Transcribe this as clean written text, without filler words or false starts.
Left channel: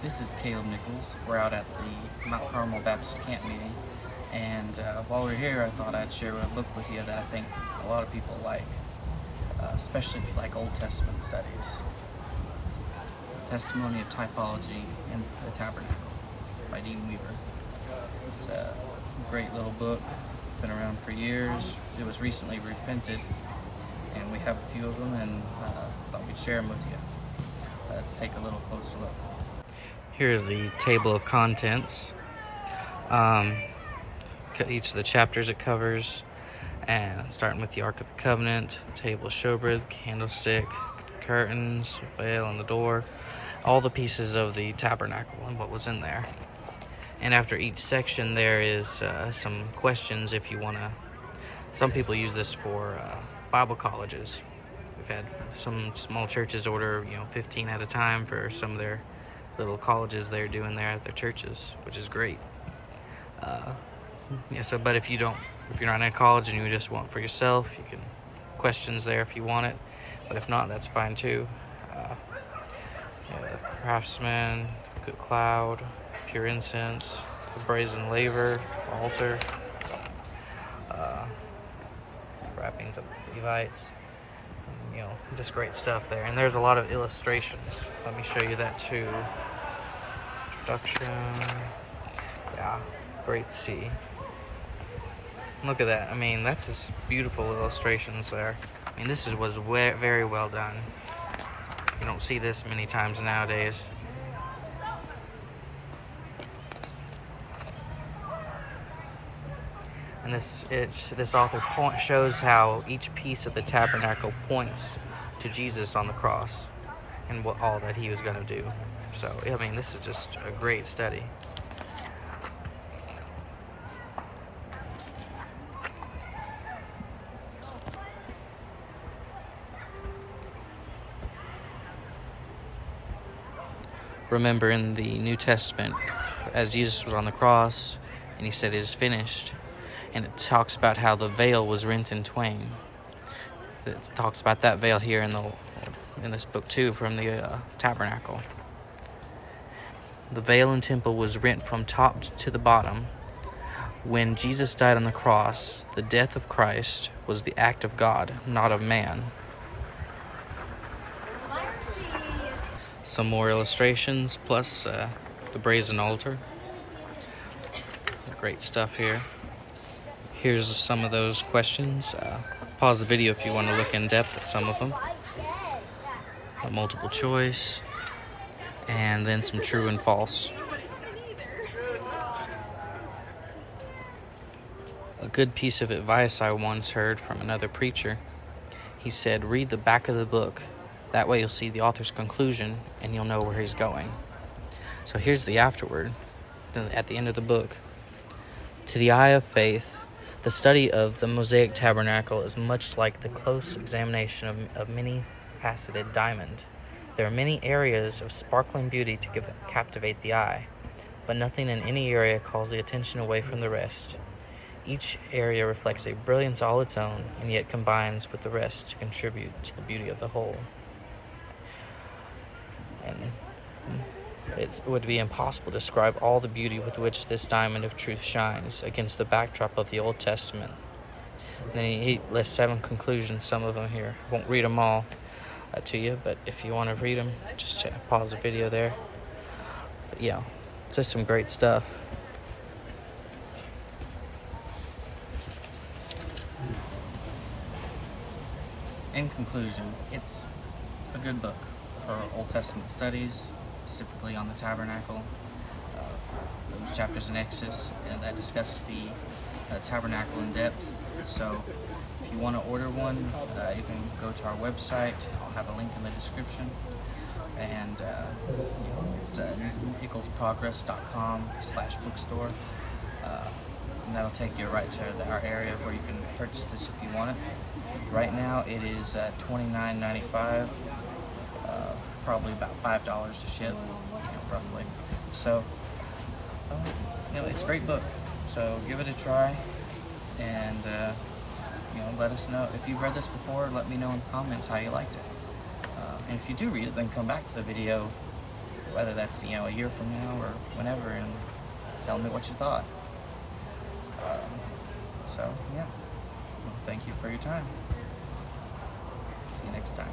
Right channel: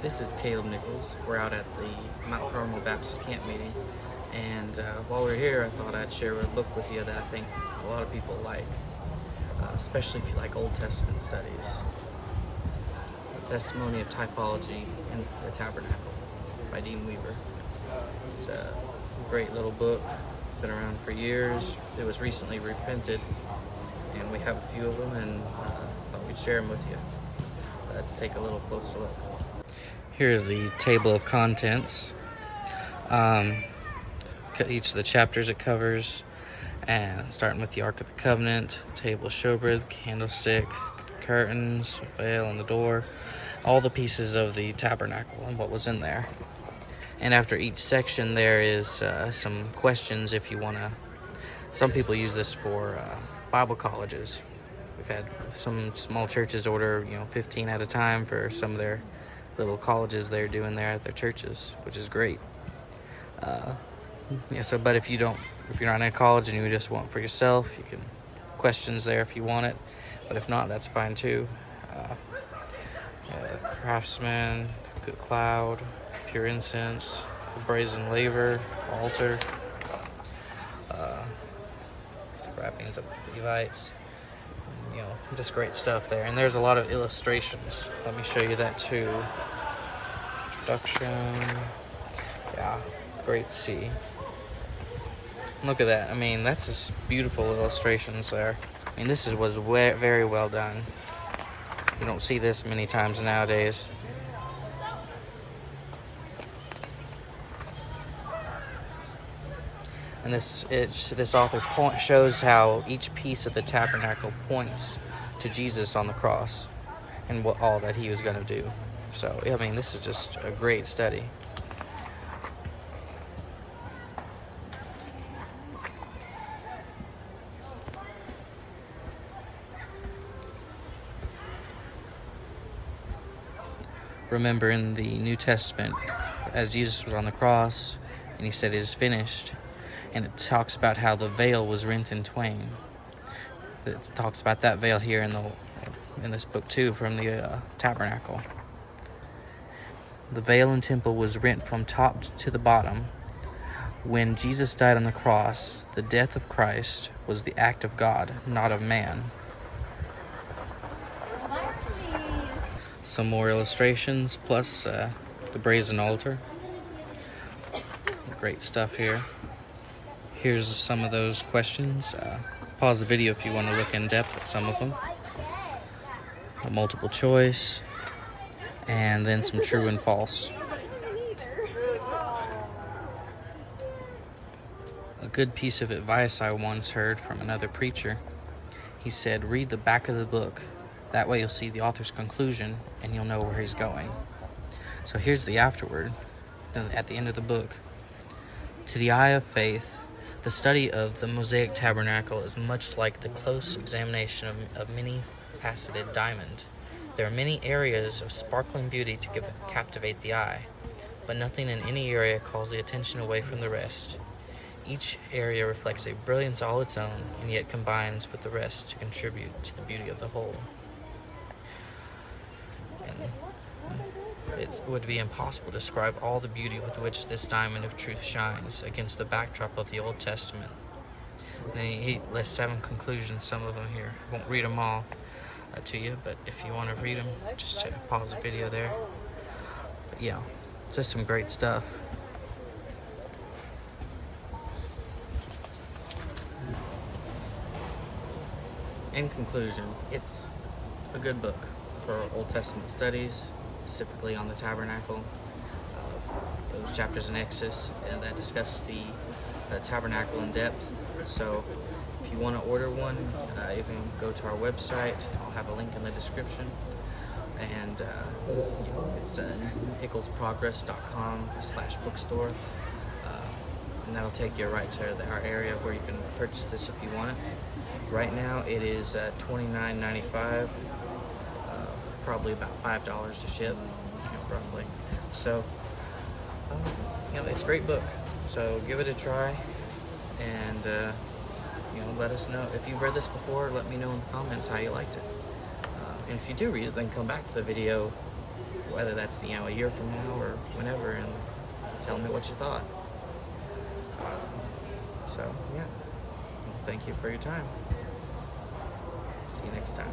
This is Caleb Nichols. We're out at the Mount Carmel Baptist Camp meeting, and while we're here, I thought I'd share a book with you that I think a lot of people like, especially if you like Old Testament studies. Testimony of Typology and the Tabernacle by Dean Weaver. It's a great little book, been around for years. It was recently reprinted, and we have a few of them, and thought we'd share them with you. Let's take a little closer look. Here's the table of contents. Each of the chapters it covers, and starting with the Ark of the Covenant, table of showbread, candlestick, the curtains, the veil, and the door, all the pieces of the tabernacle and what was in there. And after each section there is some questions if you want to. Some people use this for Bible colleges. We've had some small churches order 15 at a time for some of their little colleges they're doing there at their churches, which is great. But if you're not in a college and you just want for yourself, you can questions there if you want it, but if not, that's fine too. Craftsman, good cloud, pure incense, the brazen laver, altar, wrappings of Levites, just great stuff there. And there's a lot of illustrations. Let me show you that too. Production, yeah, great to see. Look at that. I mean, that's just beautiful illustrations there. And this was very well done. You don't see this many times nowadays. And this author shows how each piece of the tabernacle points to Jesus on the cross and all that he was going to do. So, I mean, this is just a great study. Remember in the New Testament, as Jesus was on the cross, and he said, "It is finished," and it talks about how the veil was rent in twain. It talks about that veil here in this book too, from the tabernacle. The veil in temple was rent from top to the bottom. When Jesus died on the cross, the death of Christ was the act of God, not of man. Some more illustrations, plus the brazen altar. Great stuff here. Here's some of those questions. Pause the video if you want to look in depth at some of them. A multiple choice, and then some true and false. A good piece of advice I once heard from another preacher. He said, read the back of the book. That way you'll see the author's conclusion and you'll know where he's going. So here's the afterword at the end of the book. To the eye of faith, the study of the Mosaic Tabernacle is much like the close examination of many-faceted diamond. There are many areas of sparkling beauty to captivate the eye, but nothing in any area calls the attention away from the rest. Each area reflects a brilliance all its own, and yet combines with the rest to contribute to the beauty of the whole. And it would be impossible to describe all the beauty with which this diamond of truth shines against the backdrop of the Old Testament. And he lists 7 conclusions, some of them here. I won't read them all to you, but if you want to read them, just pause the video there. But yeah, just some great stuff. In conclusion, it's a good book for Old Testament studies, specifically on the tabernacle. Those chapters in Exodus that discuss the tabernacle in depth. So if you want to order one, you can go to our website. I'll have a link in the description. And it's nicholsprogress.com/bookstore. And that'll take you right to our area where you can purchase this if you want it. Right now it is $29.95. Probably about $5 to ship, roughly. So, it's a great book. So give it a try, and let us know if you've read this before. Let me know in the comments how you liked it. And if you do read it, then come back to the video whether that's, you know, a year from now or whenever, and tell me what you thought. So, yeah. Well, thank you for your time. See you next time.